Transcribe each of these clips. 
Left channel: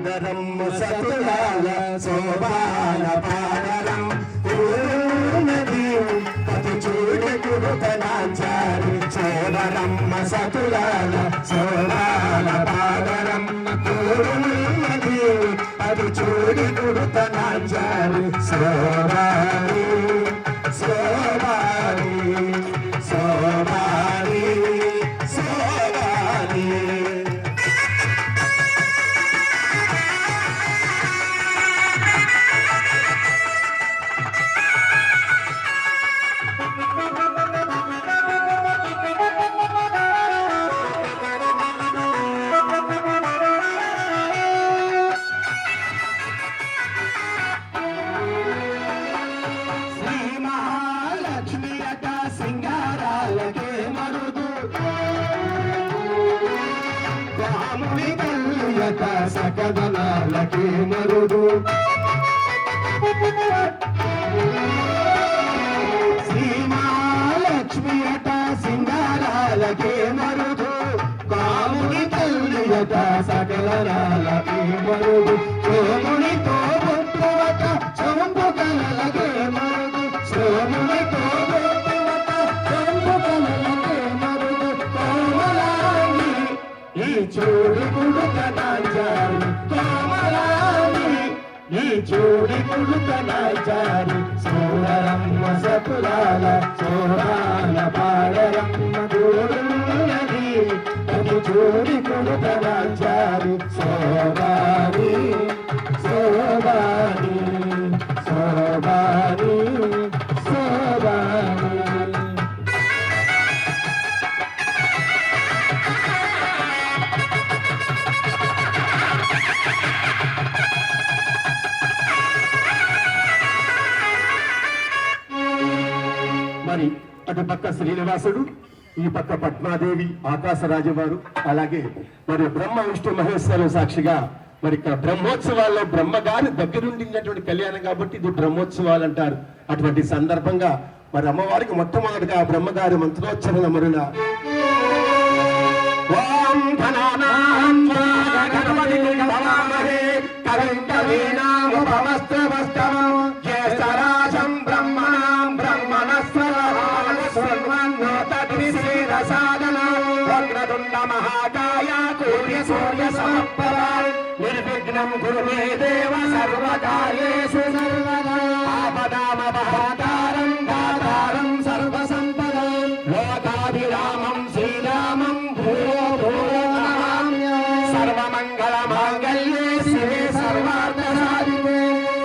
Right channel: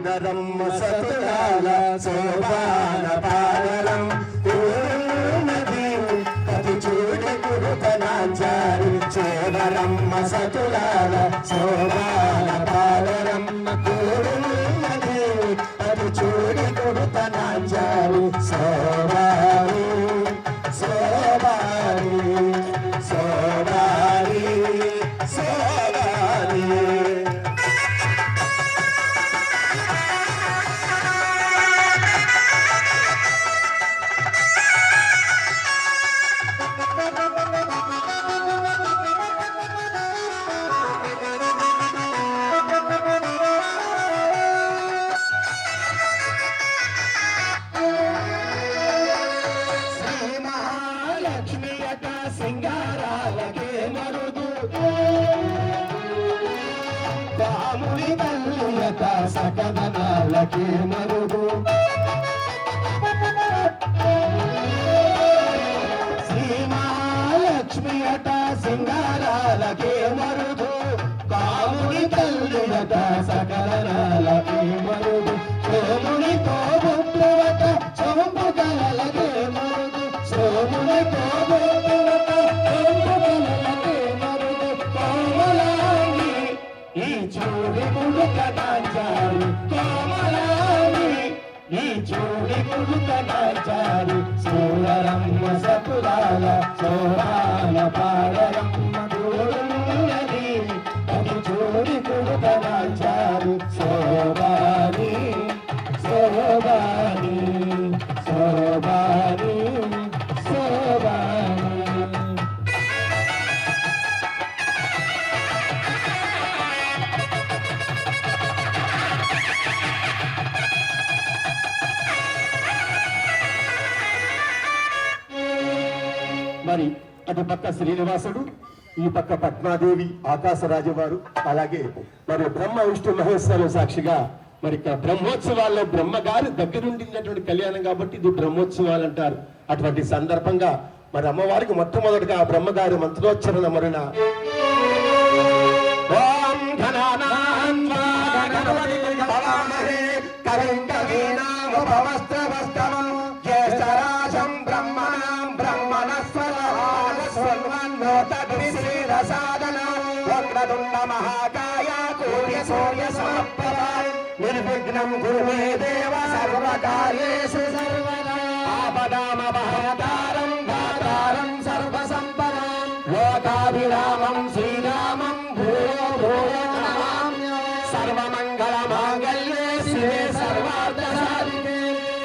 ఉదరం సతులాల శోభాన పాదరం నది కది చూడి గురుతనాచారు చోదరమ్మ సతులాల శోభాన పాదరం నది అది చూడి గురుతనాచారు శోభాని శోభాని శోభాని శోభాని సింగారాలకే మరుదు పాముని కల్లుయత సకదనాలకే మరుదు శ్రీమహాలక్ష్మి అట సింగారాలకే మరుదు పాముని కల్లుయత సకదనాలకే మరుదు సోమునితో బొట్టువట చంపు కలలకే మరుదు సోమునితో చూడి గుడుకనాచారు కోమలాని ఈ చూడి గుడుకనాచారు సోరమ్మ సతులాల సోరాల పాడరమ్మ గోడున్నది అది చూడి గుడుకనాచారు సోబాని సోబాని సోబాని సోబాని మరి అటు పక్క శ్రీనివాసుడు ఈ పక్క పద్మాదేవి ఆకాశరాజు వారు అలాగే మరి బ్రహ్మ విష్ణు మహేశ్వరు సాక్షిగా మరి బ్రహ్మోత్సవాల్లో బ్రహ్మగారి దగ్గరుండినటువంటి కళ్యాణం కాబట్టి ఇది బ్రహ్మోత్సవాలు అంటారు. అటువంటి సందర్భంగా మరి అమ్మవారికి మొట్టమొదటిగా ఆ బ్రహ్మగారి మంత్రోచ్చరణ మరుణ మహాకాయ సూర్య సూర్య నిర్విఘ్నం కురు మే దేవ సర్వకార్యేషు సర్వదా ఆపదామపహతారం దాతారం సర్వసంపదాం లోకాభిరామం శ్రీరామం భూయో భూయో నమామ్యహం సర్వమంగళమాంగళ్యే శివే సర్వార్థసాధికే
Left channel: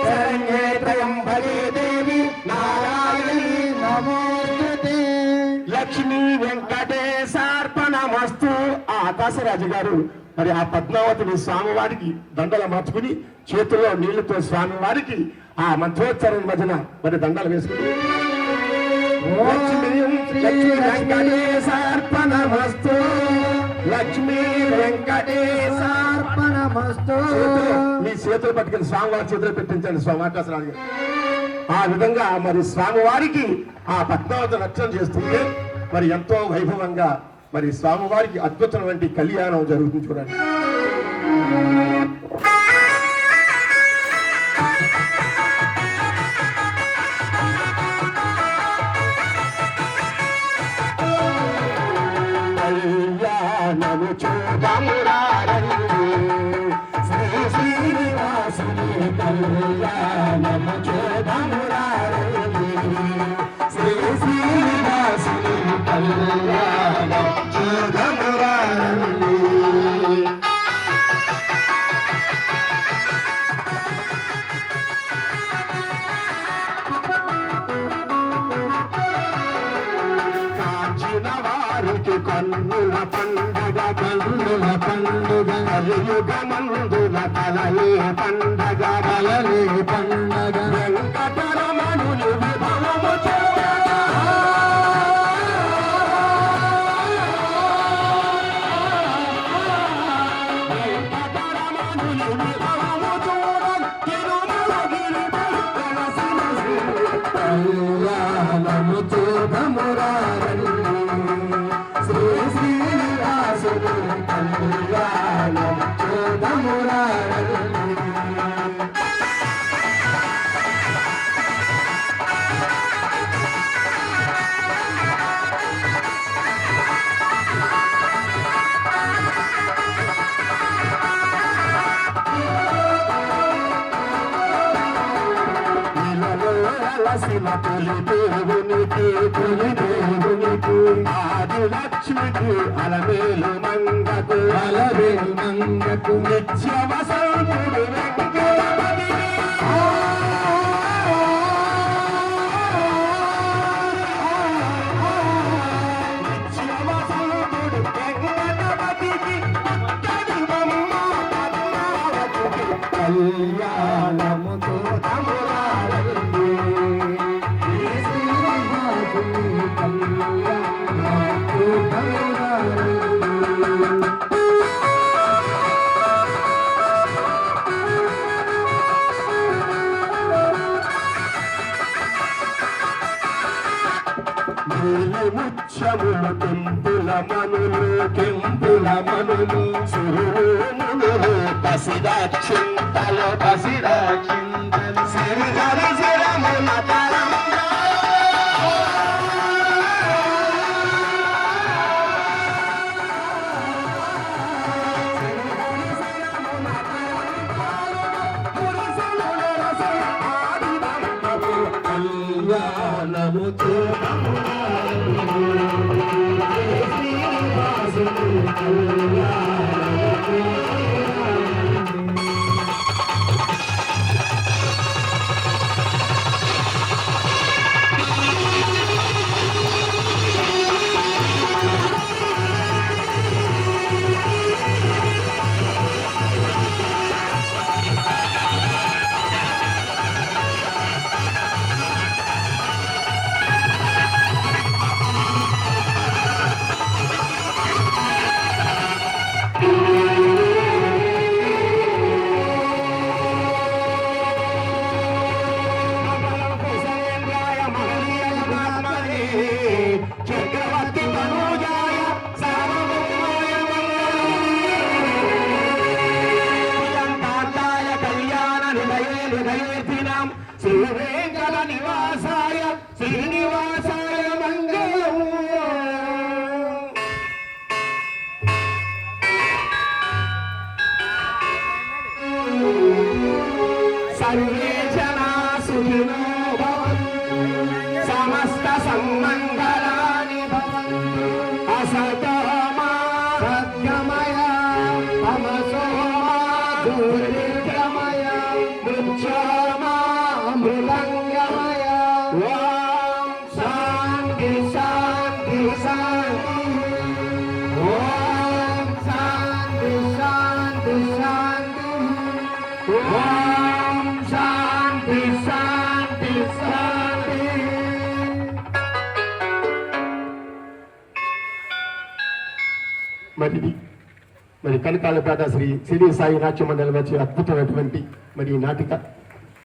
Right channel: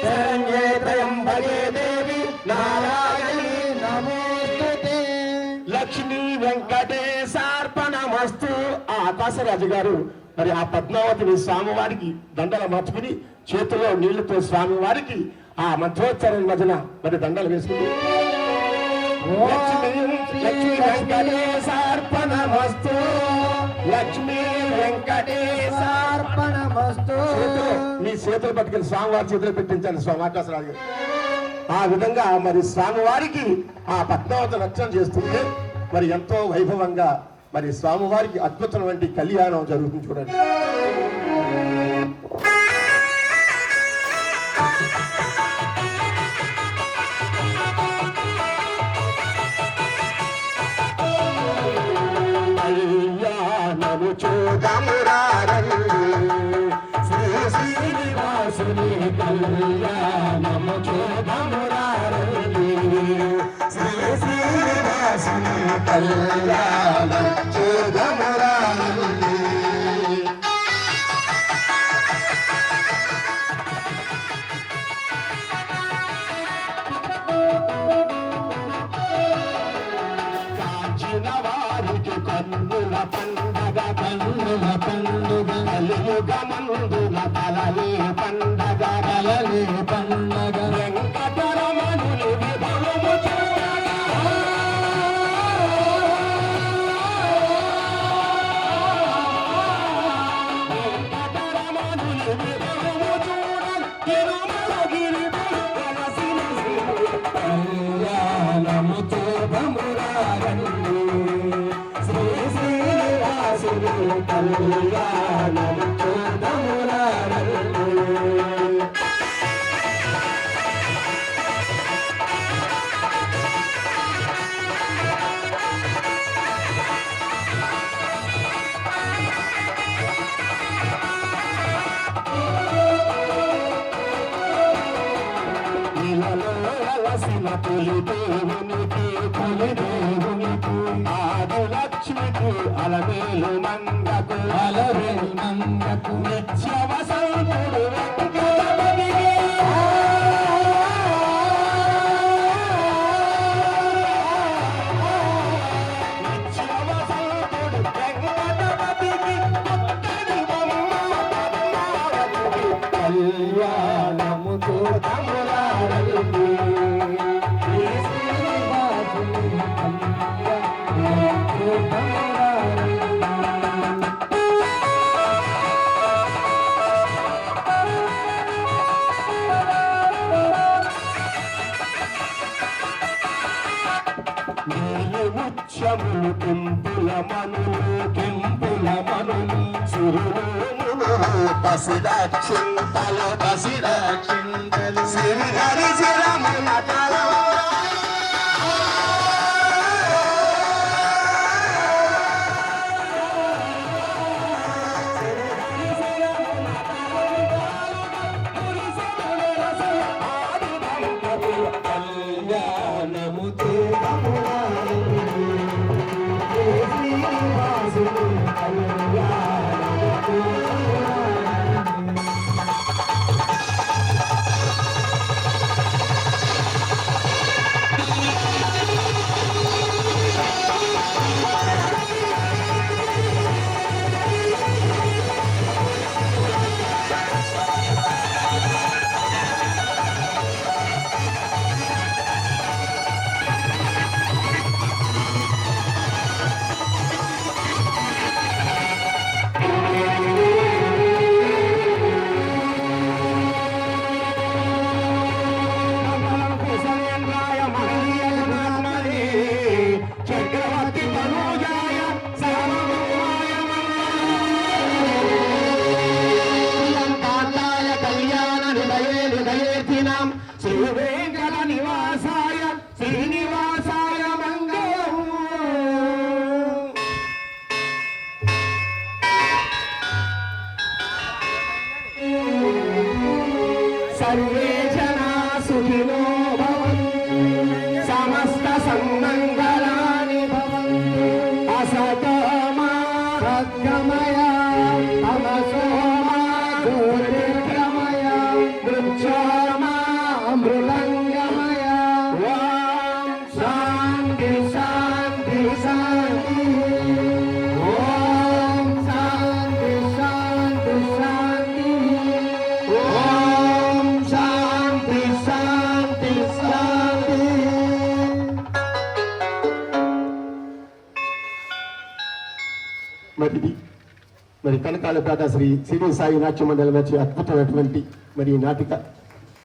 శరణ్యే త్రయంబకే దేవి నారాయణీ నమోస్తుతే లక్ష్మీ వెంకటేశార్పణమస్తు. ఆకాశరాజు గారు మరి ఆ పద్మావతిని స్వామివారికి దండలు మార్చుకుని చేతిలో నీళ్లతో స్వామివారికి ఆ మంత్రోచ్చరణ మధ్యన మరి దండలు వేసుకుని లక్ష్మీ వెంకటేశార్పణమస్తు లక్ష్మీ వెంకటేశార్పణమస్తు. మీ చేతులు పట్టుకుని స్వామివారి చేతులు పెట్టించండి స్వామి ఆకాశరాజు గారు. ఆ విధంగా మరి స్వామివారికి ఆ పద్మావతి రక్షణ చేస్తుంటే మరి ఎంతో వైభవంగా మరి స్వామివారికి అద్భుతమైన కళ్యాణం జరుగుతుంది చూడండి. కళ్యాణము చూడమురారండి శ్రీ శ్రీనివాసుని కళ్యాణము చూడమురారండి శ్రీ శ్రీనివాసుని కళ్యాణము చూడమురారండి. కాచిన వారికి కన్నుల పండగ కన్నుల పండుగ కలియుగమందున కలలే పండగ కలలే పండగ వెంకటరమణులు విభవము కళ్యాణము చూడమురారండి శ్రీ శ్రీనివాసుని కళ్యాణము చూడమురారండి. తొలి దేవునికి ఆది లక్ష్మికి అలమేలు మంగకు నిత్య వసంతుడు వెంకటపతికి కళ్యాణముతో తములాడండి ముచ్చములు కెంపుల మనులు సురులు పసిదాక్షింతలు సిరిహరి శిరముల కళ్యాణముతో చక్రవర్తి తనూజాయ సర్వభౌమాయ కళ్యాణ నిలయేర్చినాం శ్రీ వెంకట నివాసాయ శ్రీనివాసాయ మంగళం. సర్వే జనా సుఖినో భవంతు సమస్త సన్మంగళాని భవంతు అసతో మా సద్గమయ తమసో మా జ్యోతిర్గమయ మృత్యోర్మా మృదంగమయ. ఓం శాంతి శాంతి శాంతి. ఓం శాంతి శాంతి శాంతి. ఓం శాంతి శాంతి శాంతి. మరి కనకాలపేట శ్రీ సాయి నాట్య మండలి వచ్చి అద్భుతమైనటువంటి మరి నాటిక